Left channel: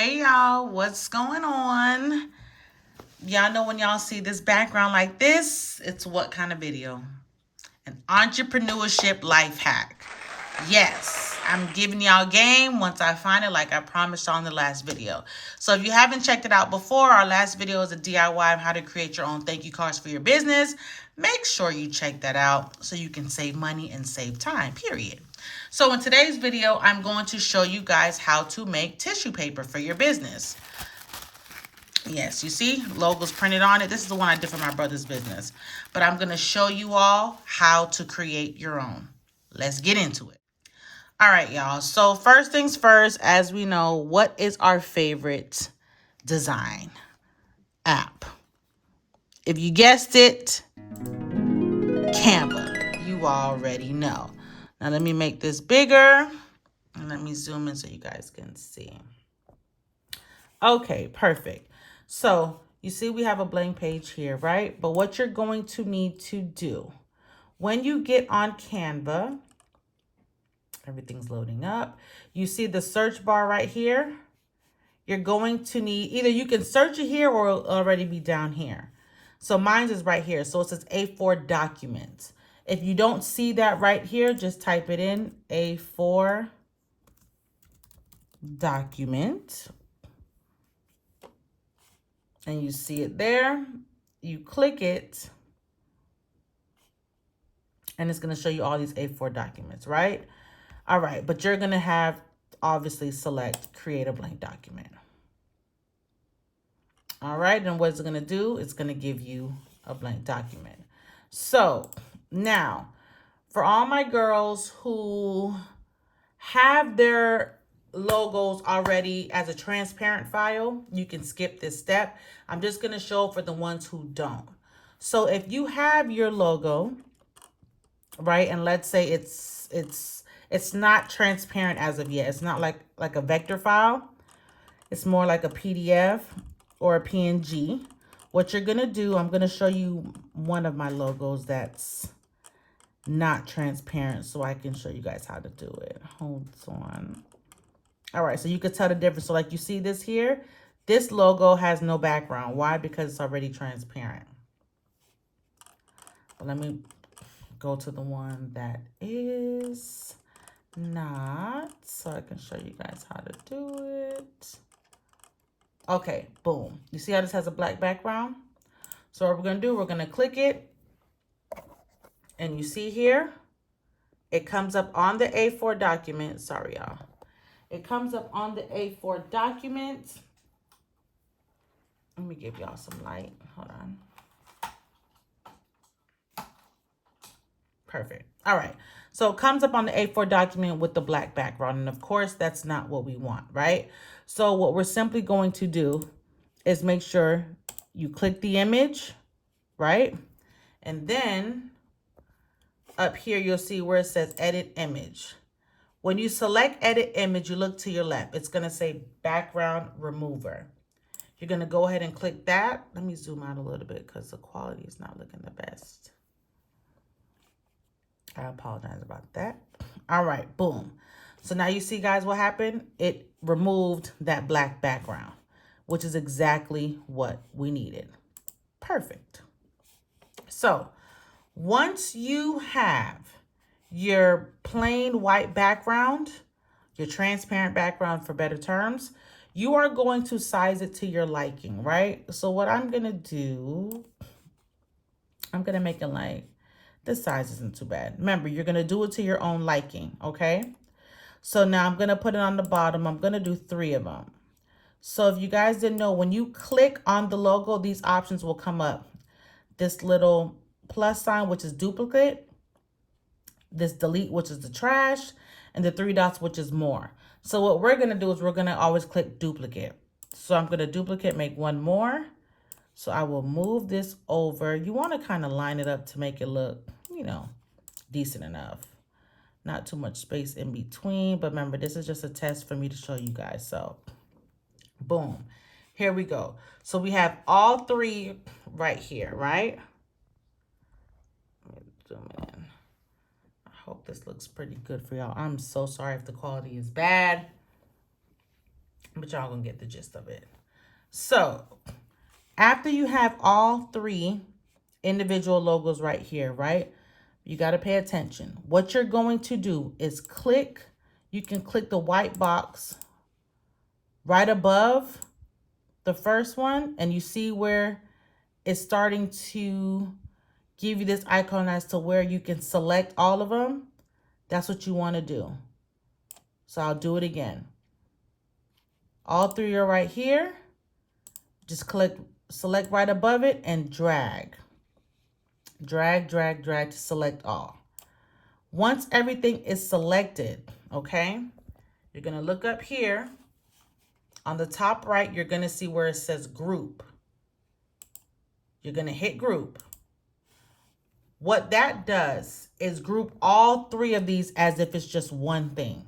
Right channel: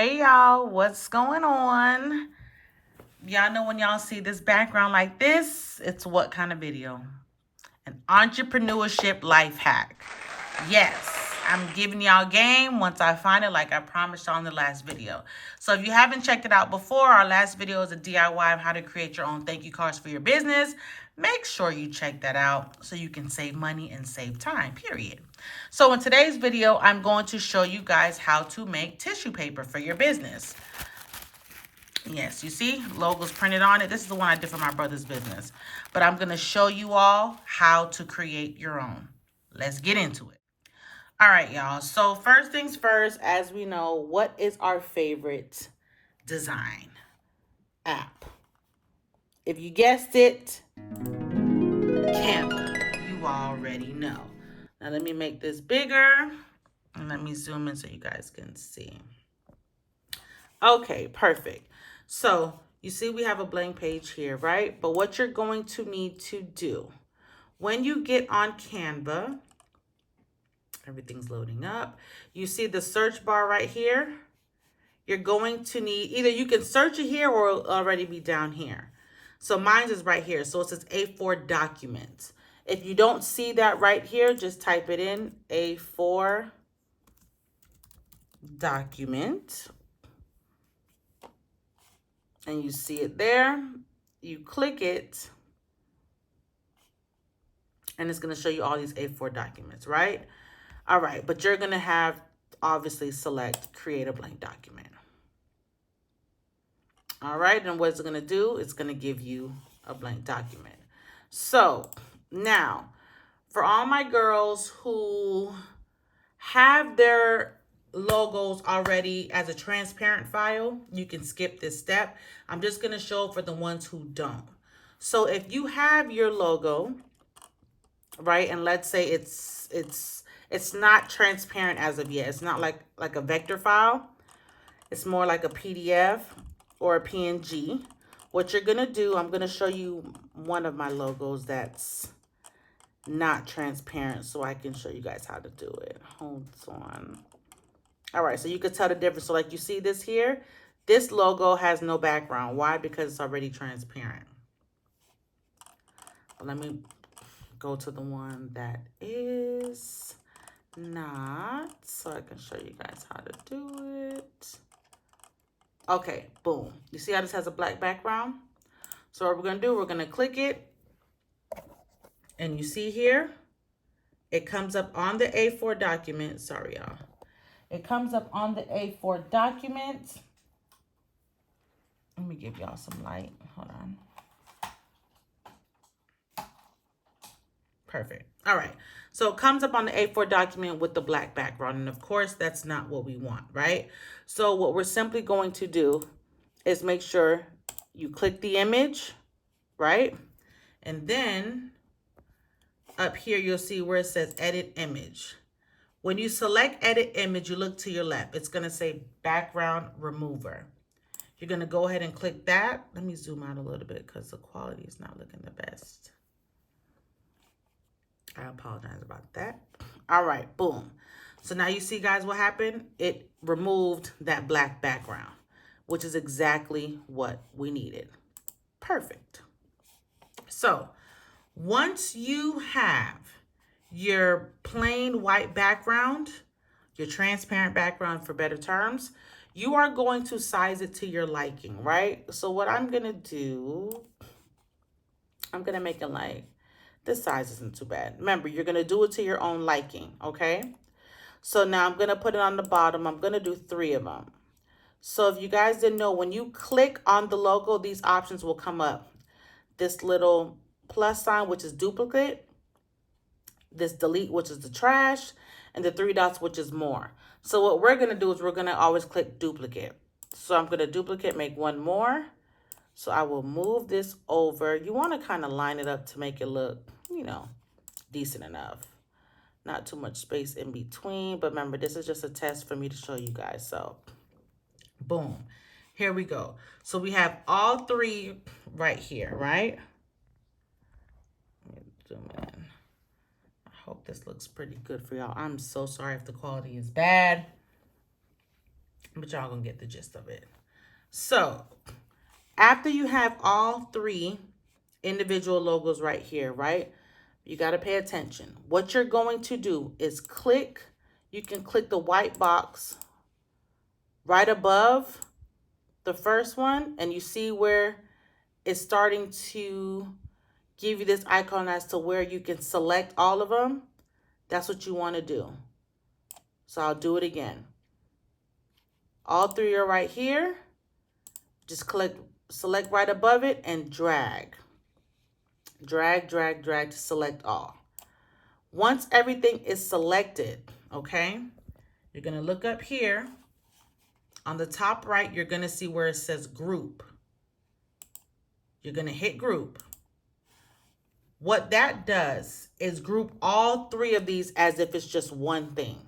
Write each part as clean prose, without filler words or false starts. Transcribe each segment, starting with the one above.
Hey y'all, what's going on? Y'all know when y'all see this background like this, it's what kind of video? An entrepreneurship life hack. Yes, I'm giving y'all game once I find it, like I promised on the last video. So if you haven't checked it out before, our last video is a DIY of how to create your own thank you cards for your business. Make sure you check that out so you can save money and save time, period. So in today's video, I'm going to show you guys how to make tissue paper for your business. Yes, you see logos printed on it. This is the one I did for my brother's business. But I'm going to show you all how to create your own. Let's get into it. All right, y'all. So first things first, as we know, what is our favorite design app? If you guessed it, Canva. You already know. Now let me make this bigger and let me zoom in so you guys can see. Okay, perfect. So you see we have a blank page here, right? But what you're going to need to do when you get on Canva, everything's loading up. You see the search bar right here. You're going to need, either you can search it here or it'll already be down here. So mine is right here. So it says A4 document. If you don't see that right here, just type it in, A4 document. And you see it there. You click it. And it's going to show you all these A4 documents, right? All right, but you're going to have, obviously, select create a blank document. All right, and what it's going to do, it's going to give you a blank document. So now, for all my girls who have their logos already as a transparent file, you can skip this step. I'm just going to show for the ones who don't. So if you have your logo, right, and let's say it's not transparent as of yet. It's not like a vector file. It's more like a PDF or a PNG. What you're gonna do, I'm gonna show you one of my logos that's not transparent so I can show you guys how to do it. Hold on. All right, so you could tell the difference. So like you see this here, this logo has no background. Why? Because it's already transparent. But let me go to the one that is not, so I can show you guys how to do it. Okay, boom. You see how this has a black background? So what we're gonna do, we're gonna click it, and you see here, it comes up on the A4 document. Sorry, y'all. It comes up on the A4 document. Let me give y'all some light. Hold on. Perfect. All right. So it comes up on the A4 document with the black background. And of course, that's not what we want, right? So what we're simply going to do is make sure you click the image, right? And then up here, you'll see where it says edit image. When you select edit image, you look to your left. It's going to say background remover. You're going to go ahead and click that. Let me zoom out a little bit because the quality is not looking the best. I apologize about that. All right, boom. So now you see, guys, what happened? It removed that black background, which is exactly what we needed. Perfect. So once you have your plain white background, your transparent background for better terms, you are going to size it to your liking, right? So what I'm going to do, I'm going to make it like, this size isn't too bad. Remember, you're going to do it to your own liking, okay? So now I'm going to put it on the bottom. I'm going to do 3 of them. So if you guys didn't know, when you click on the logo, these options will come up. This little plus sign, which is duplicate. This delete, which is the trash. And the 3 dots, which is more. So what we're going to do is we're going to always click duplicate. So I'm going to duplicate, make 1 more. So I will move this over. You want to kind of line it up to make it look, you know, decent enough. Not too much space in between. But remember, this is just a test for me to show you guys. So, boom. Here we go. So we have all 3 right here, right? Let me zoom in. I hope this looks pretty good for y'all. I'm so sorry if the quality is bad. but y'all gonna get the gist of it. So after you have all three individual logos right here, right? You got to pay attention. What you're going to do is click, you can click the white box right above the first one, and you see where it's starting to give you this icon as to where you can select all of them. That's what you want to do. So I'll do it again. All three are right here. Just click, select right above it and drag. Drag, drag, drag to select all. Once everything is selected, okay, you're going to look up here. On the top right, you're going to see where it says group. You're going to hit group. What that does is group all three of these as if it's just one thing.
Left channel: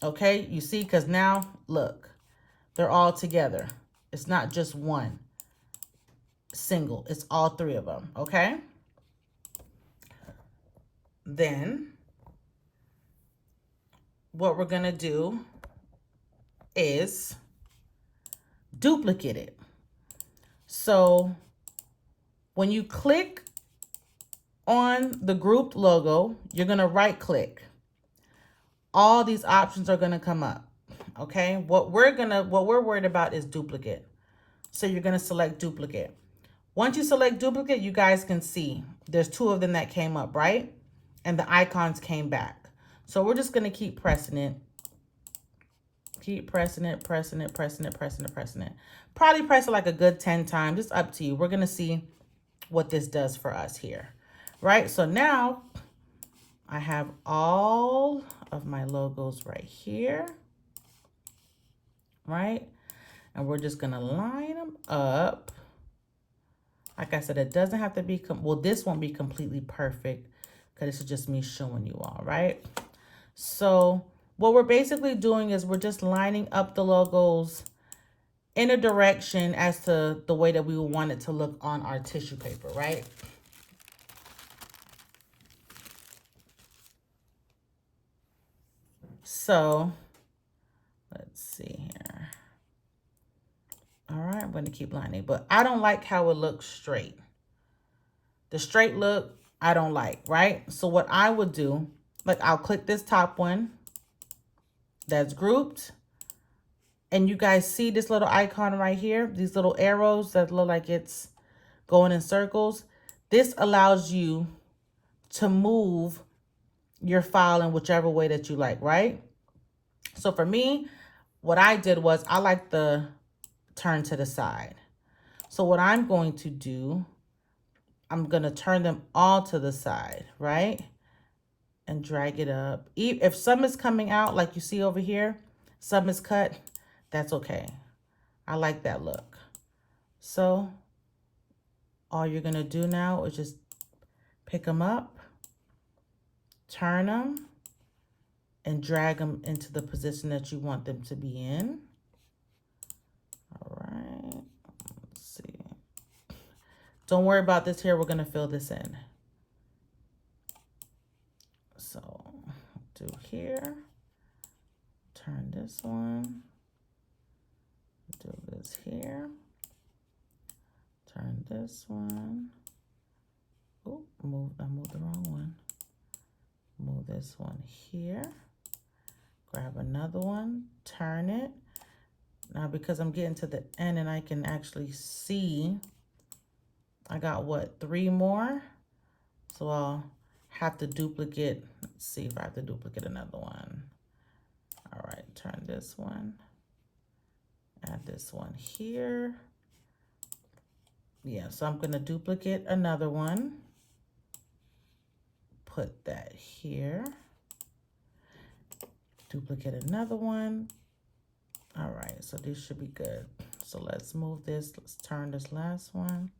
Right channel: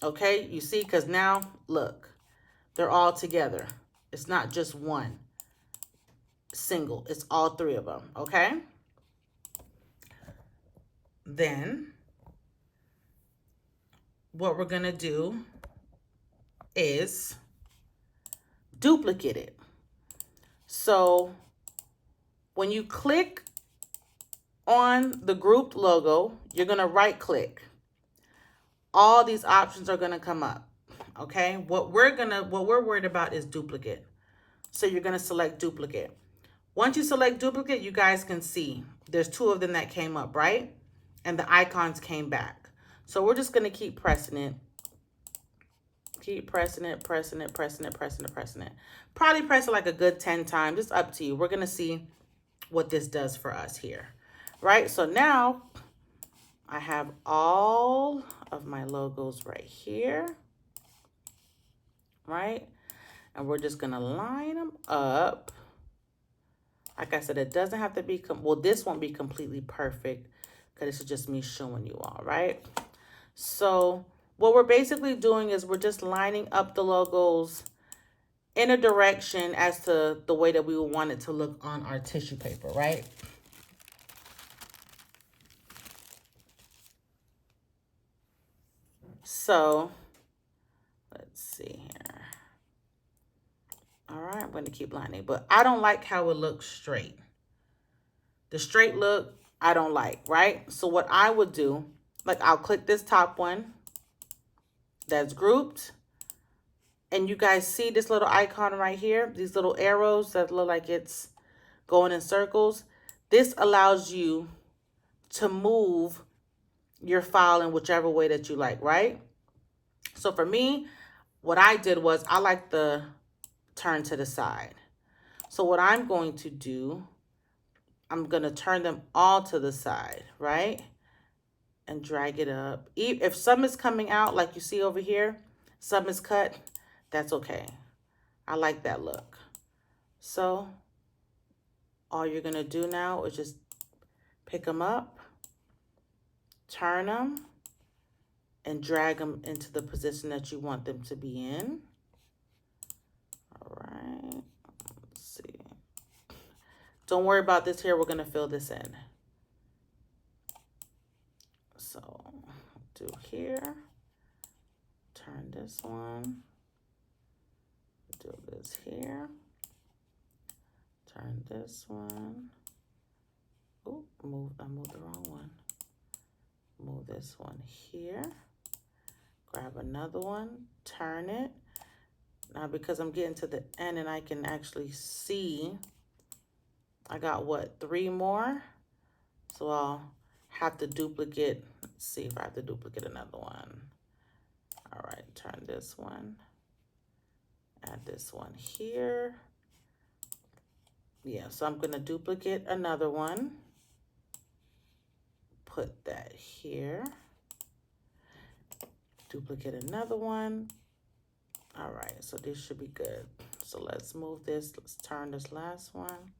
Okay, you see, because now, look, they're all together. It's not just one single. It's all three of them, okay? Then, what we're going to do is duplicate it. So, when you click on the grouped logo, you're going to right click. All these options are going to come up. Okay? What we're worried about is duplicate. So you're going to select duplicate. Once you select duplicate, you guys can see there's two of them that came up, right? And the icons came back. So we're just going to keep pressing it. Keep pressing it, pressing it, pressing it, pressing it, pressing it. Probably press it like a good 10 times. It's up to you. We're going to see what this does for us here. Right? So now I have all of my logos right here. Right? And we're just going to line them up. Like I said, it doesn't have to be, well, this won't be completely perfect because this is just me showing you all, right? So what we're basically doing is we're just lining up the logos in a direction as to the way that we would want it to look on our tissue paper, right? So let's see here. All right, I'm going to keep lining, but I don't like how it looks straight. The straight look, I don't like, right? So what I would do, like I'll click this top one that's grouped. And you guys see this little icon right here, these little arrows that look like it's going in circles. This allows you to move your file in whichever way that you like, right? So for me, what I did was I like the turn to the side. So what I'm going to do, I'm going to turn them all to the side, right? And drag it up. If some is coming out, like you see over here, some is cut, that's okay. I like that look. So all you're going to do now is just pick them up, turn them, and drag them into the position that you want them to be in. All right. Let's see. Don't worry about this here. We're going to fill this in. So do here. Turn this one. Do this here. Turn this one. Oh, I moved the wrong one. Move this one here. Grab another one. Turn it. Now, because I'm getting to the end and I can actually see, I got what, 3 more? So I'll have to duplicate. Let's see if I have to duplicate another one. All right, turn this one. Add this one here. Yeah, so I'm going to duplicate another one. Put that here. Duplicate another one. All right, so this should be good. So let's move this. Let's turn this last one.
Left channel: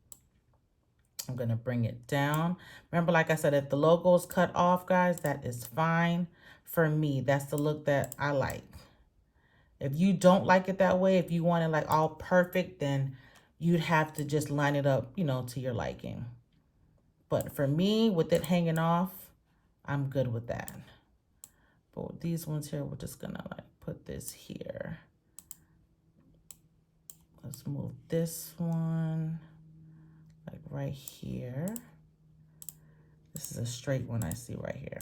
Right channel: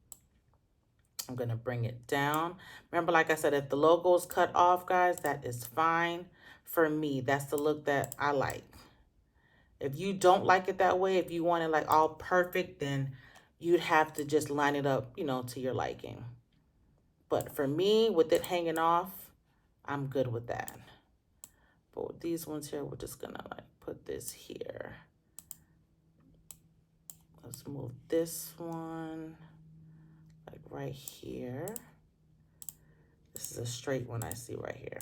I'm going to bring it down. Remember, like I said, if the logo is cut off, guys, that is fine for me. That's the look that I like. If you don't like it that way, if you want it like all perfect, then you'd have to just line it up, you know, to your liking. But for me, with it hanging off, I'm good with that. But with these ones here, we're just gonna like put this here. Let's move this one like right here. This is a straight one I see right here.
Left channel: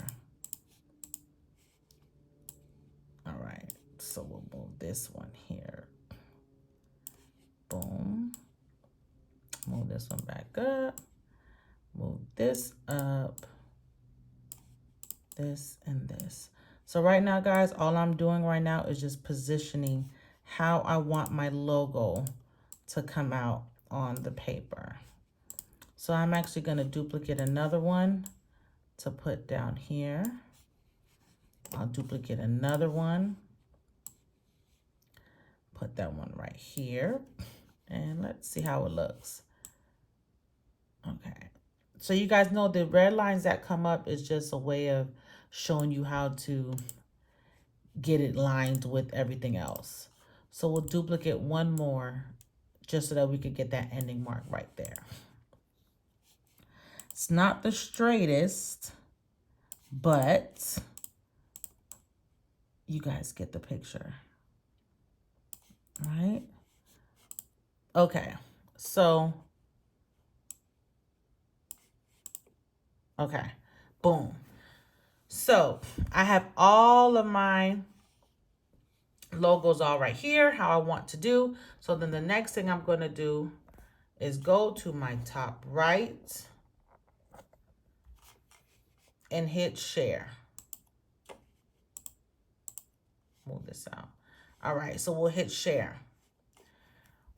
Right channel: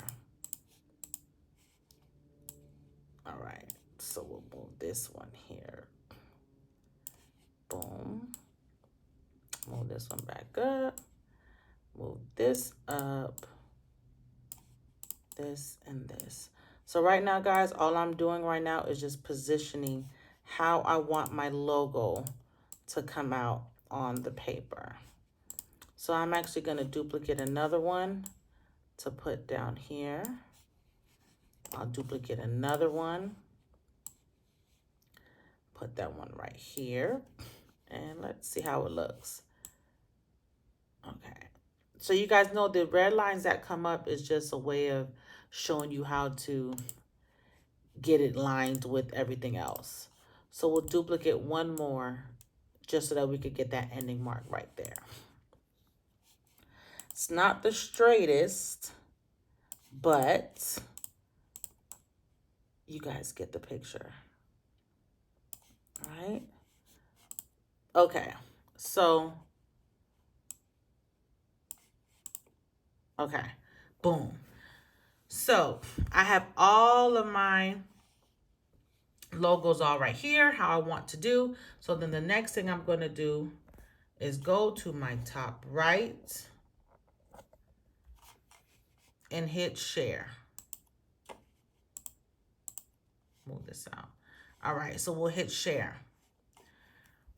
All right, so we'll move this one here. Boom. Move this one back up. Move this up. This and this. So right now, guys, all I'm doing right now is just positioning how I want my logo to come out on the paper. So I'm actually going to duplicate another one to put down here. I'll duplicate another one. Put that one right here. And let's see how it looks. Okay. So you guys know the red lines that come up is just a way of showing you how to get it lined with everything else. So we'll duplicate one more just so that we could get that ending mark right there. It's not the straightest, but you guys get the picture. All right? Okay, so, okay, boom. So I have all of my logos all right here, how I want to do. So then the next thing I'm going to do is go to my top right and hit share. Move this out. All right, so we'll hit share.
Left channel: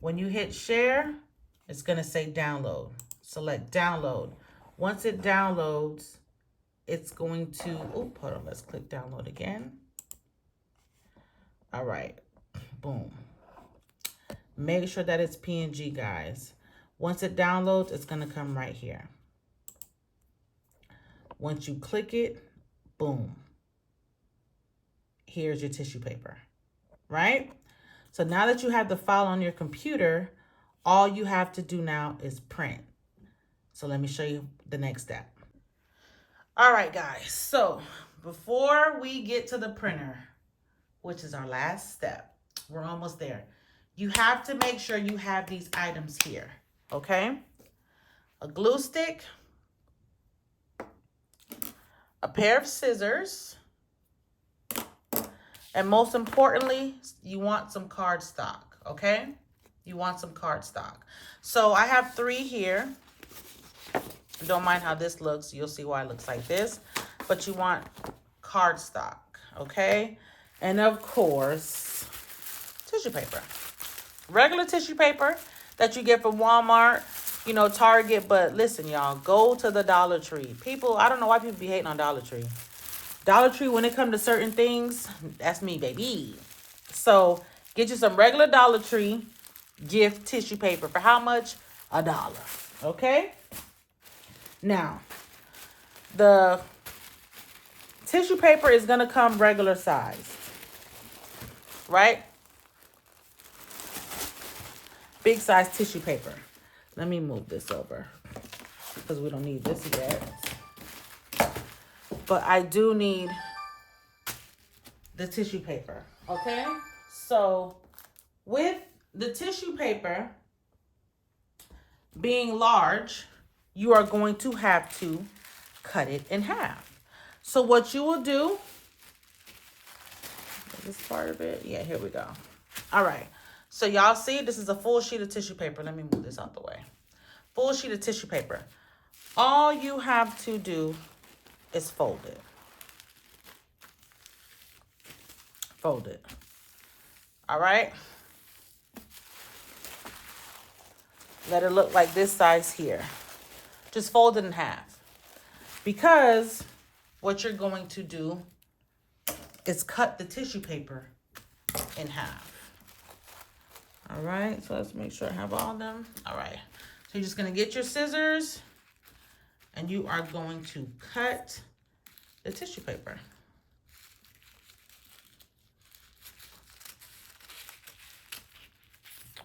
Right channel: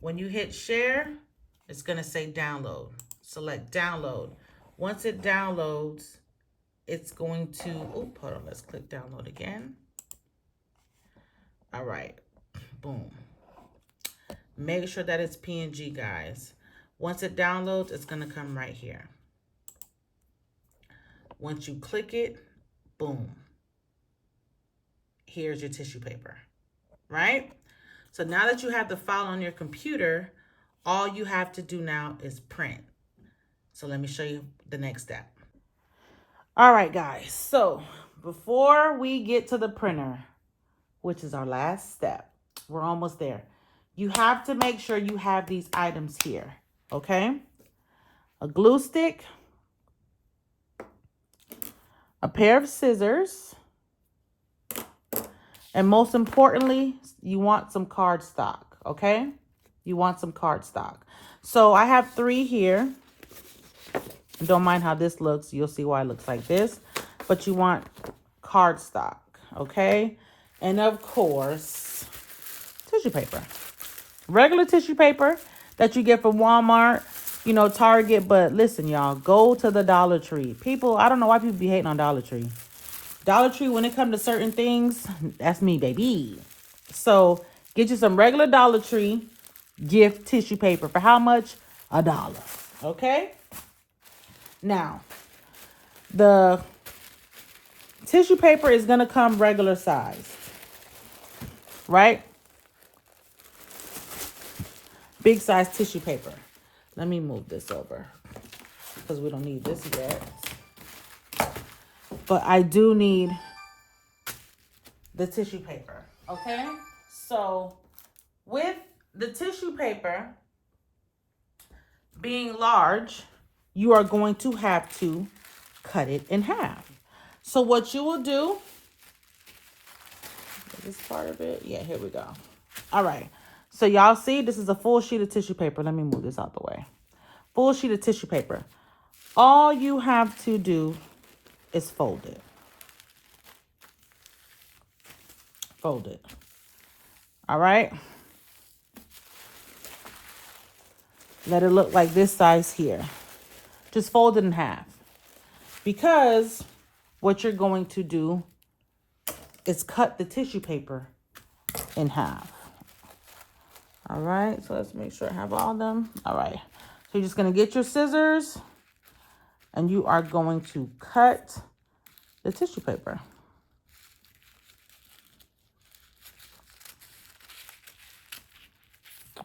When you hit share, it's going to say download. Select download. Once it downloads, it's going to, oh, hold on, let's click download again. All right, boom. Make sure that it's PNG, guys. Once it downloads, it's going to come right here. Once you click it, boom. Here's your tissue paper, right? So now that you have the file on your computer, all you have to do now is print. So let me show you the next step. All right, guys. So before we get to the printer, which is our last step, we're almost there. You have to make sure you have these items here, okay? A glue stick, a pair of scissors, and most importantly, you want some cardstock, okay? You want some cardstock. So I have 3 here. Don't mind how this looks. You'll see why it looks like this. But you want cardstock, okay? And of course, tissue paper. Regular tissue paper that you get from Walmart, you know, Target. But listen, y'all, go to the Dollar Tree. People, I don't know why people be hating on Dollar Tree. Dollar Tree, when it comes to certain things, that's me, baby. So get you some regular Dollar Tree gift tissue paper. For how much? $1. Okay? Now, the tissue paper is going to come regular size. Right? Big size tissue paper. Let me move this over because we don't need this yet. But I do need the tissue paper, okay? So with the tissue paper being large, you are going to have to cut it in half. So what you will do, is this part of it? Yeah, here we go. All right. So y'all see, this is a full sheet of tissue paper. Let me move this out the way. Full sheet of tissue paper. All you have to do is fold it. Fold it. All right. Let it look like this size here. Just fold it in half. Because what you're going to do is cut the tissue paper in half. All right. So let's make sure I have all of them. All right. So you're just going to get your scissors and you are going to cut the tissue paper.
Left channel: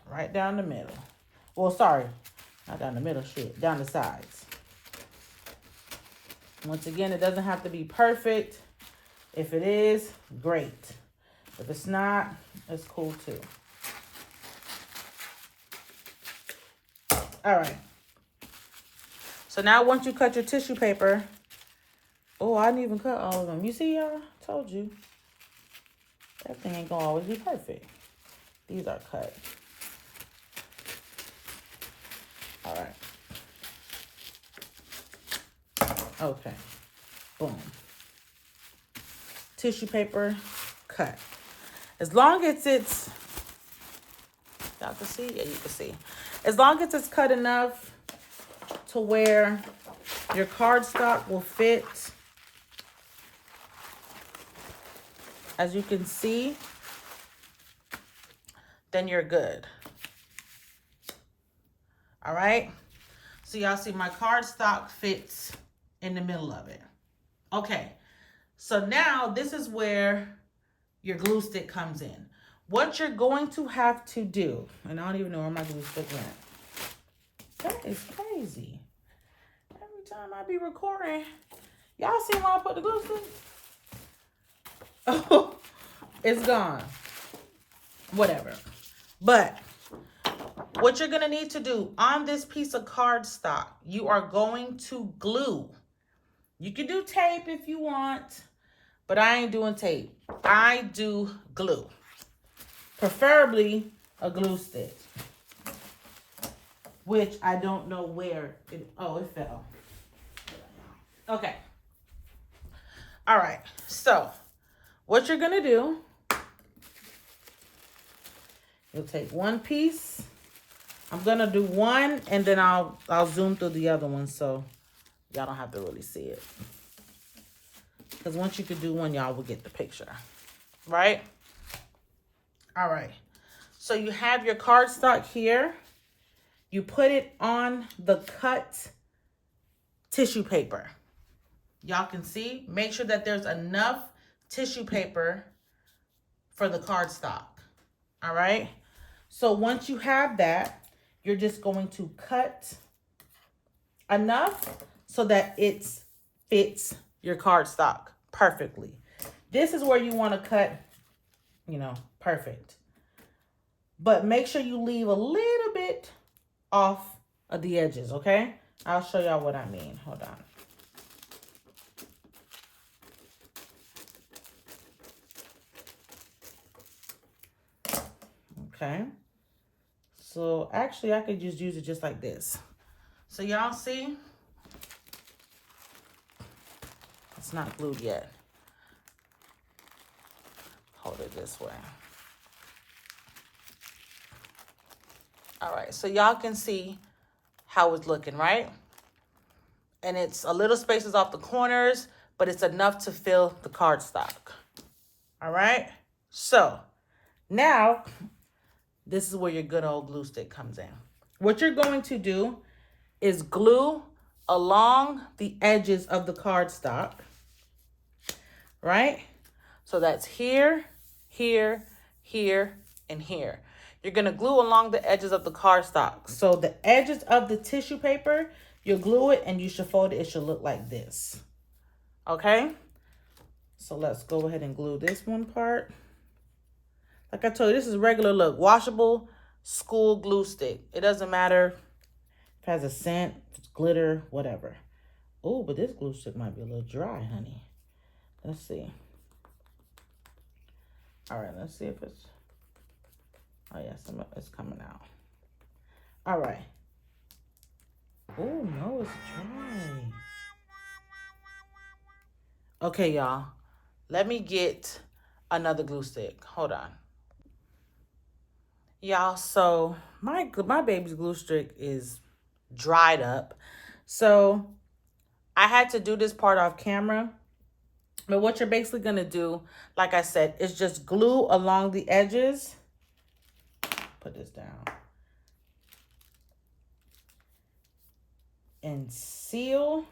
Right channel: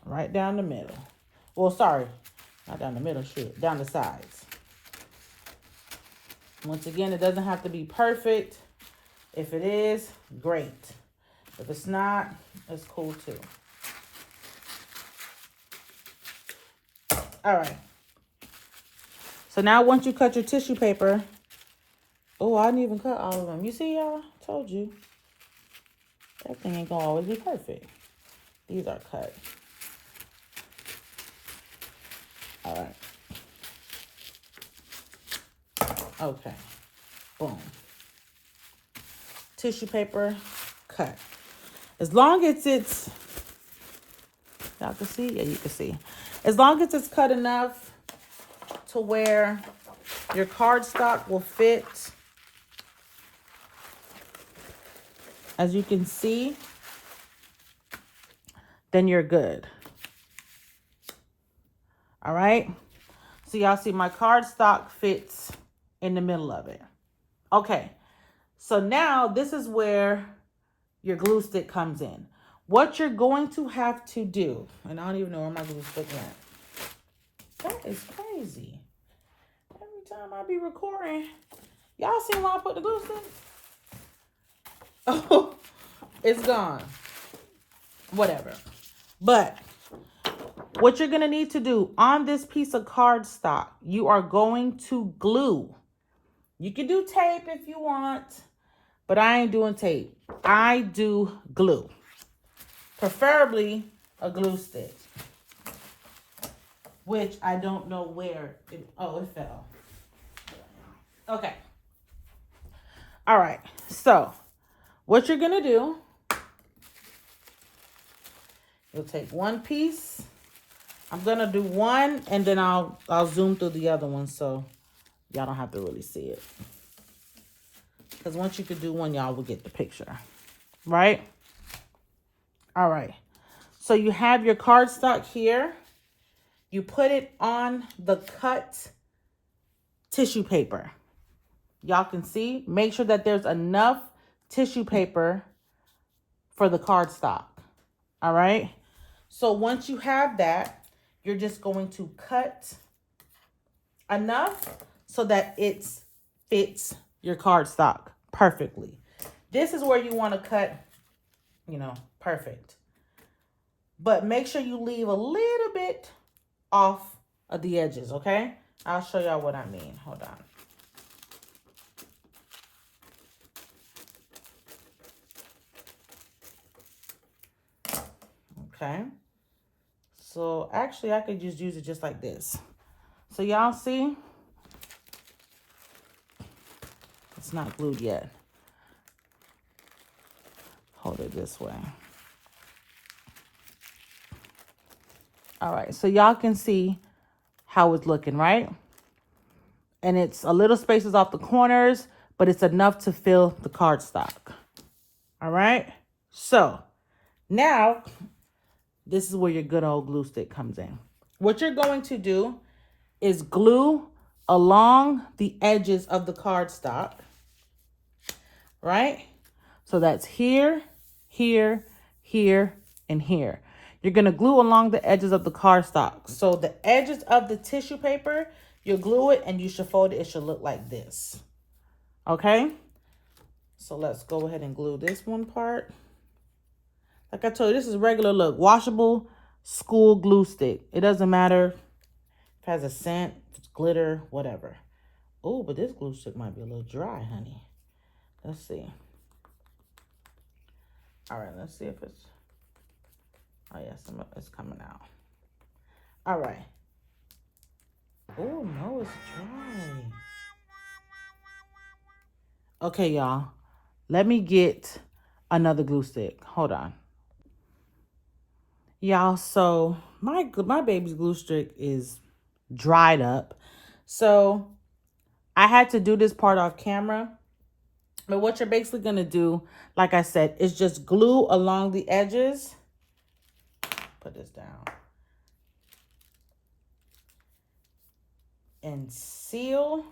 Right down the middle. Well, sorry, not down the middle, shit, down the sides. Once again, it doesn't have to be perfect. If it is, great. If it's not, it's cool too. All right. So now once you cut your tissue paper, oh, I didn't even cut all of them. You see, y'all? Told you. That thing ain't gonna always be perfect. These are cut. All right. Okay. Boom. Tissue paper, cut. As long as it's, y'all can see? Yeah, you can see. As long as it's cut enough to where your cardstock will fit, as you can see, then you're good. All right. So y'all see my cardstock fits in the middle of it. Okay. So now this is where your glue stick comes in. What you're going to have to do, and I don't even know where my glue stick went. That is crazy. Every time I be recording, y'all see where I put the glue stick? Oh, it's gone. Whatever. But what you're going to need to do on this piece of cardstock, you are going to glue. You can do tape if you want, but I ain't doing tape. I do glue. Preferably a glue stick, which I don't know where it, oh, it fell. Okay. All right. So what you're going to do, you'll take one piece. I'm going to do one and then I'll zoom through the other one so y'all don't have to really see it. Because once you can do one, y'all will get the picture. Right? All right. So you have your cardstock here. You put it on the cut tissue paper. Y'all can see. Make sure that there's enough tissue paper for the cardstock. All right. So once you have that, you're just going to cut enough so that it fits your cardstock perfectly. This is where you want to cut, you know, perfect. But make sure you leave a little bit off of the edges, okay? I'll show y'all what I mean. Hold on. Okay. So actually I could just use it just like this. So y'all see? It's not glued yet. Hold it this way. All right, so y'all can see how it's looking, right? And it's a little spaces off the corners, but it's enough to fill the cardstock. All right, so now this is where your good old glue stick comes in. What you're going to do is glue along the edges of the cardstock, right? So that's here, here, here, and here. You're going to glue along the edges of the cardstock. So the edges of the tissue paper, you'll glue it and you should fold it. It should look like this. Okay? So let's go ahead and glue this one part. Like I told you, this is regular look. Washable school glue stick. It doesn't matter if it has a scent, if it's glitter, whatever. Oh, but this glue stick might be a little dry, honey. Let's see. All right, let's see if it's... Oh, yes, it's coming out. All right. Oh, no, it's dry. Okay, y'all. Let me get another glue stick. Hold on. Y'all, so my baby's glue stick is dried up. So I had to do this part off camera. But what you're basically going to do, like I said, is just glue along the edges. Put this down. And seal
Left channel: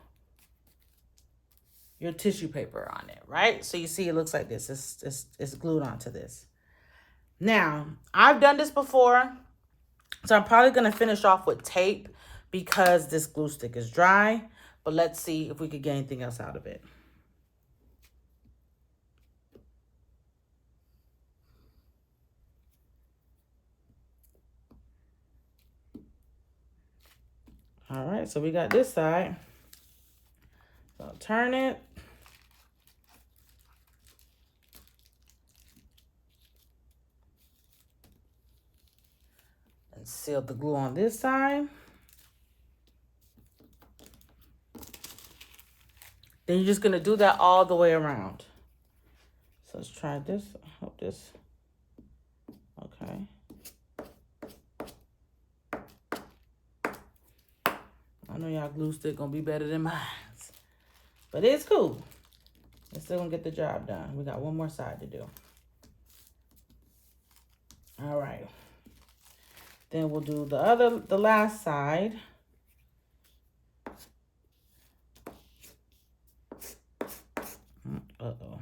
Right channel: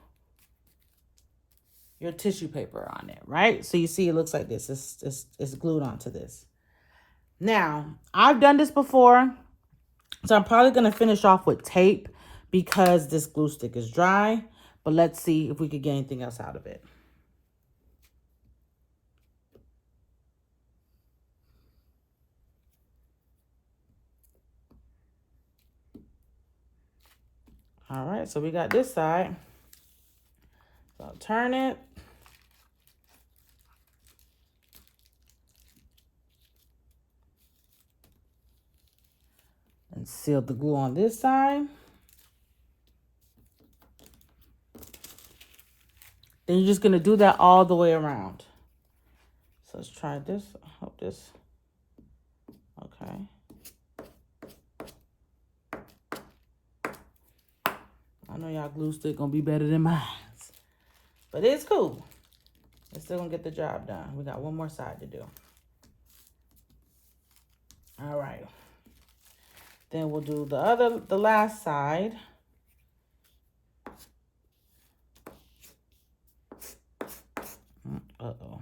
your tissue paper on it, right? So you see it looks like this. It's glued onto this. Now, I've done this before. So I'm probably going to finish off with tape because this glue stick is dry. But let's see if we could get anything else out of it. All right, so we got this side. So I'll turn it. And seal the glue on this side. Then you're just gonna do that all the way around. So let's try this. I hope this, okay. I know y'all glue stick gonna be better than mine, but it's cool. It's still gonna get the job done. We got one more side to do. All right. Then we'll do the last side. Uh-oh.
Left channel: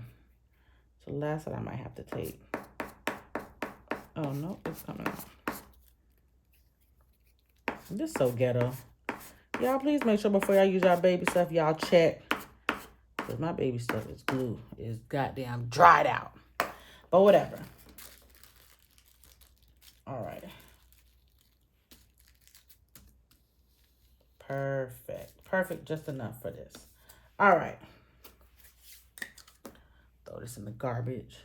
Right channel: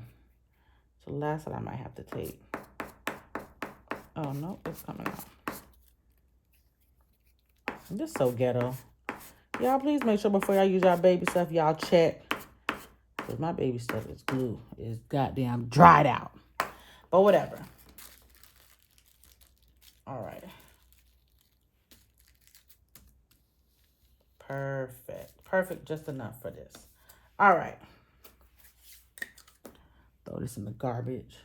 So the last side I might have to take. Oh, no, it's coming out. This is so ghetto. Y'all, please make sure before y'all use y'all baby stuff, y'all check. Because my baby stuff is glue. It's goddamn dried out. But whatever. All right. Perfect. Perfect, just enough for this. All right. Throw this in the garbage.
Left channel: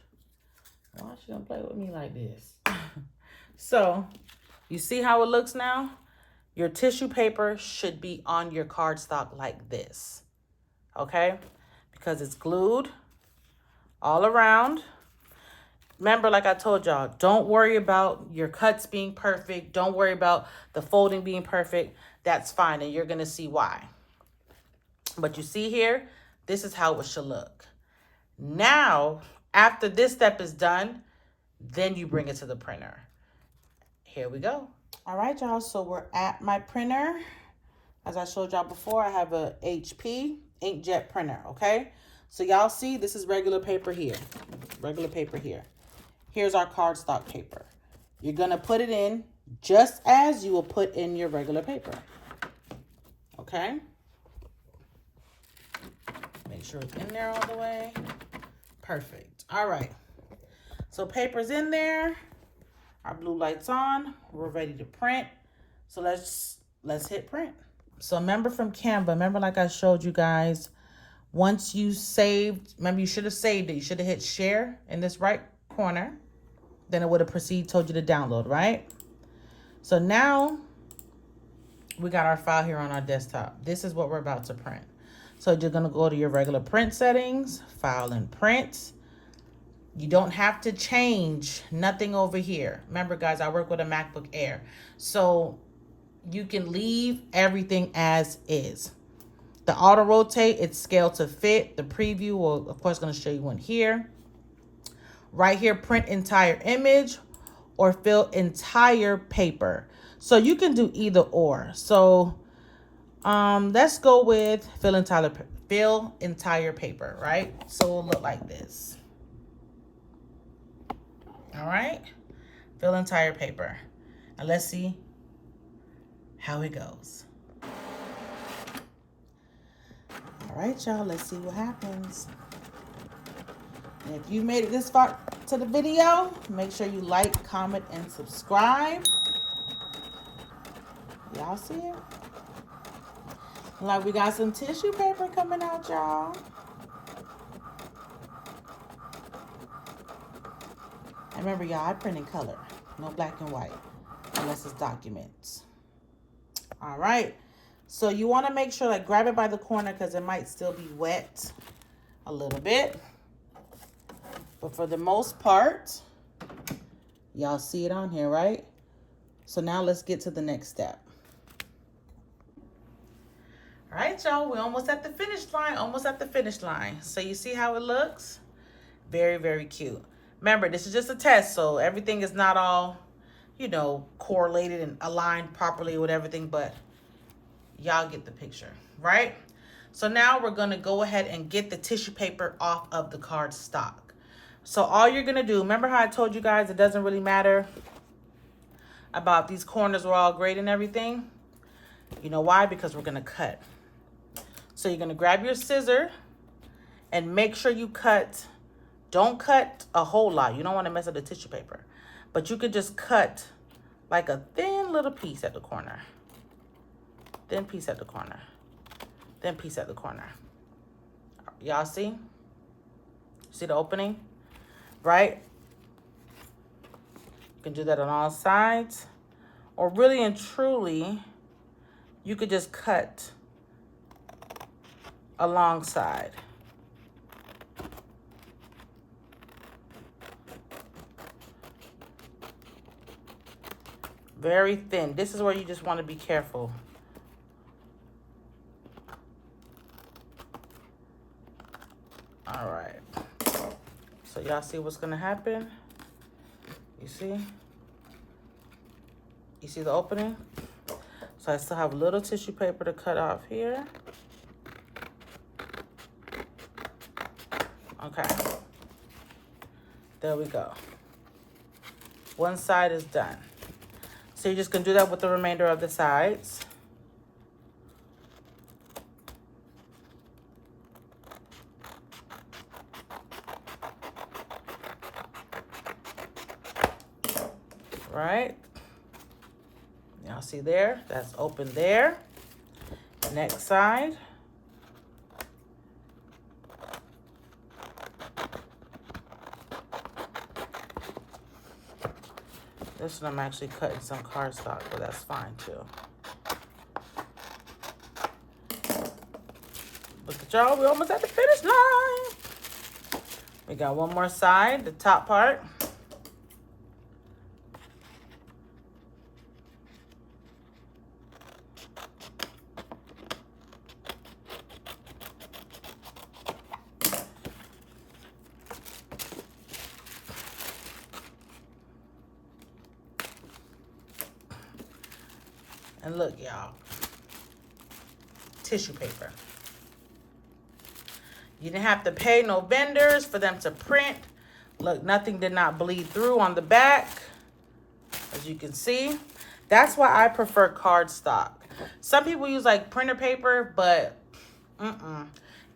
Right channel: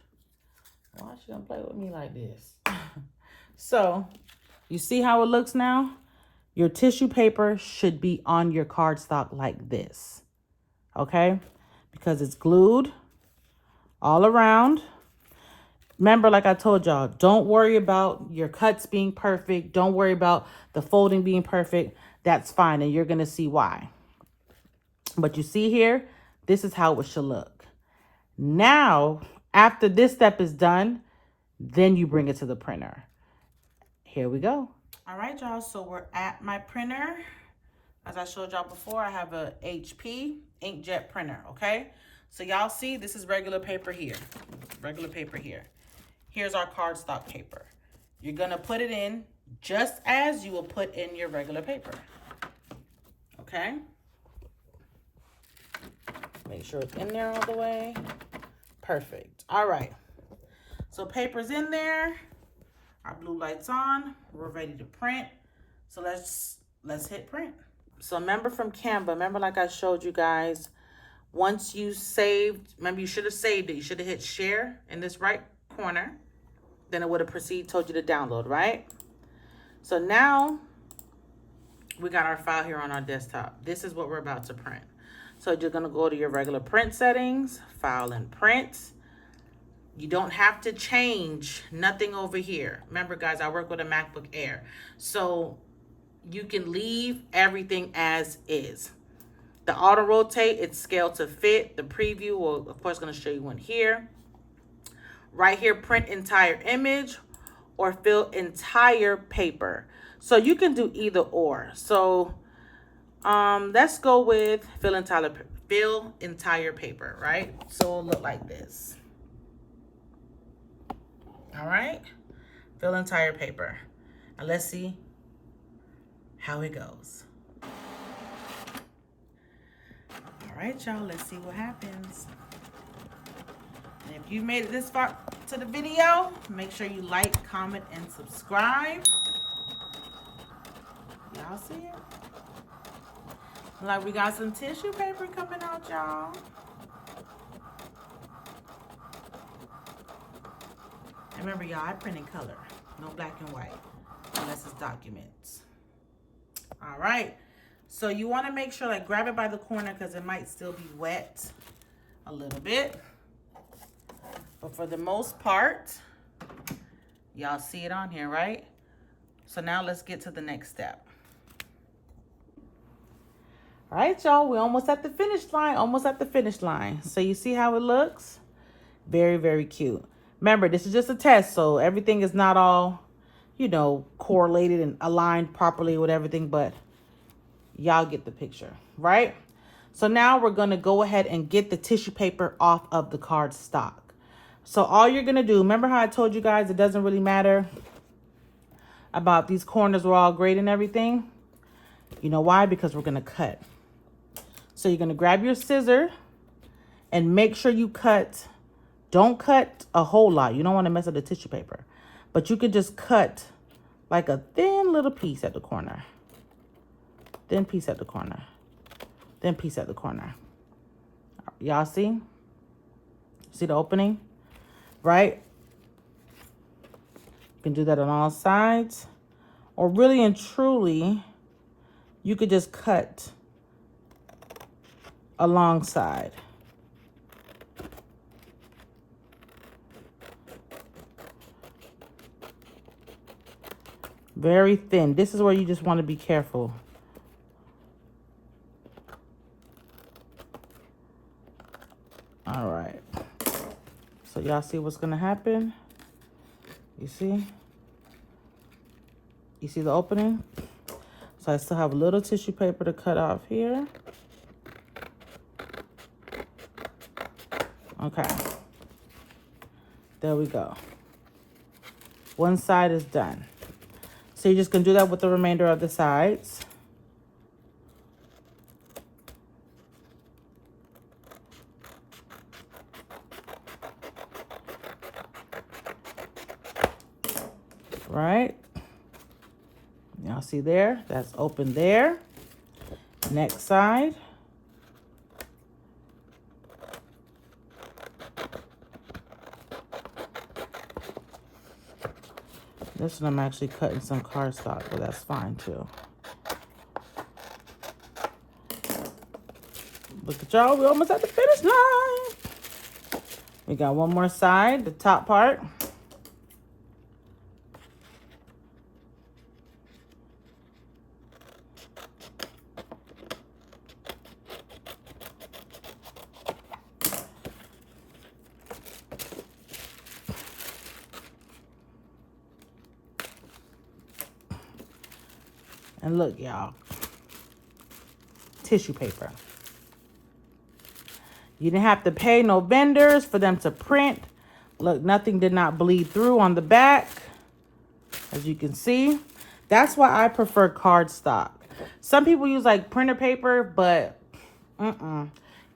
Why is she gonna play with me like this? So, you see how it looks now? Your tissue paper should be on your cardstock like this. Okay? Because it's glued all around. Remember, like I told y'all, don't worry about your cuts being perfect. Don't worry about the folding being perfect. That's fine, and you're going to see why. But you see here, this is how it should look. Now, after this step is done, then you bring it to the printer. Here we go. All right, y'all, so we're at my printer. As I showed y'all before, I have a HP inkjet printer, okay? So y'all see, this is regular paper here. Regular paper here. Here's our cardstock paper. You're going to put it in just as you will put in your regular paper. Okay? Make sure it's in there all the way. Perfect. All right. So paper's in there. Our blue light's on. We're ready to print. So let's hit print. So remember from Canva, remember like I showed you guys, once you saved, remember you should have saved it. You should have hit share in this right corner. Then it would have told you to download, right? So now we got our file here on our desktop. This is what we're about to print. So you're gonna go to your regular print settings, file and print. You don't have to change nothing over here. Remember guys, I work with a MacBook Air. So you can leave everything as is. The auto rotate, it's scaled to fit. The preview will, of course, gonna show you one here. Right here, print entire image or fill entire paper. So you can do either or. So let's go with fill entire paper, right? So it'll look like this. All right, fill entire paper. And let's see how it goes. All right, y'all, let's see what happens. And if you made it this far to the video, make sure you like, comment, and subscribe. Y'all see it? Like we got some tissue paper coming out, y'all. And remember, y'all, I print in color. No black and white, unless it's documents. All right. So you want to make sure, like, grab it by the corner because it might still be wet a little bit. But for the most part, y'all see it on here, right? So now let's get to the next step. All right, y'all, we're almost at the finish line, So you see how it looks? Very, very cute. Remember, this is just a test, so everything is not all, you know, correlated and aligned properly with everything, but y'all get the picture, right? So now we're gonna go ahead and get the tissue paper off of the cardstock. So all you're gonna do, remember how I told you guys it doesn't really matter about these corners were all great and everything? You know why? Because we're gonna cut. So you're gonna grab your scissor and make sure you cut. Don't cut a whole lot. You don't wanna mess up the tissue paper. But you could just cut like a thin little piece at the corner. then piece at the corner, then piece at the corner. Y'all see? See the opening? Right? You can do that on all sides. Or really and truly, you could just cut alongside. Very thin. This is where you just want to be careful. All right. So y'all see what's going to happen? You see? You see the opening? So I still have a little tissue paper to cut off here. Okay. There we go. One side is done. So you're just going to do that with the remainder of the sides. Right? Y'all see there? That's open there. Next side. This one I'm actually cutting some cardstock, but that's fine too. Look at y'all, we're almost at the finish line. We got one more side, the top part. And look, y'all, tissue paper. You didn't have to pay no vendors for them to print. Look, nothing did not bleed through on the back, as you can see. That's why I prefer cardstock. Some people use like printer paper, but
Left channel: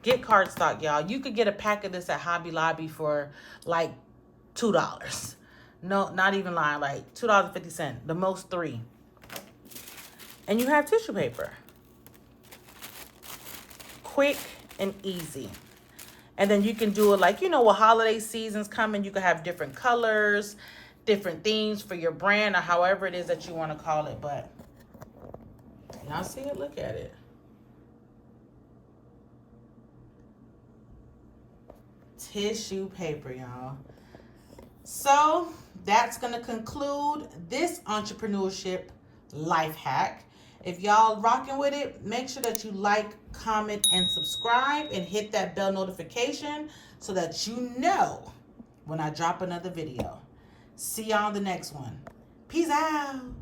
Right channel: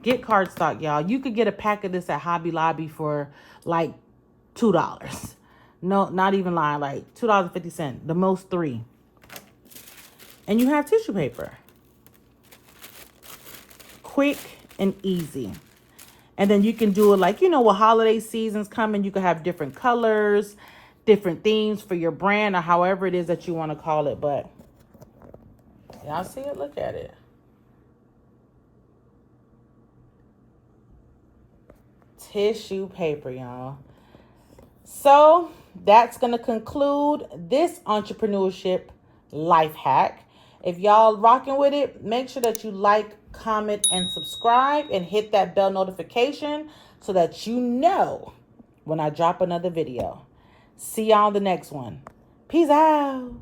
get cardstock, y'all. You could get a pack of this at Hobby Lobby for like $2. No, not even lying, like $2.50, the most $3. And you have tissue paper. Quick and easy. And then you can do it like, you know, with holiday seasons coming, you can have different colors, different themes for your brand, or however it is that you want to call it. But y'all see it? Look at it. Tissue paper, y'all. So that's going to conclude this entrepreneurship life hack. If y'all rocking with it, make sure that you like, comment, and subscribe, and hit that bell notification so that you know when I drop another video. See y'all in the next one. Peace out.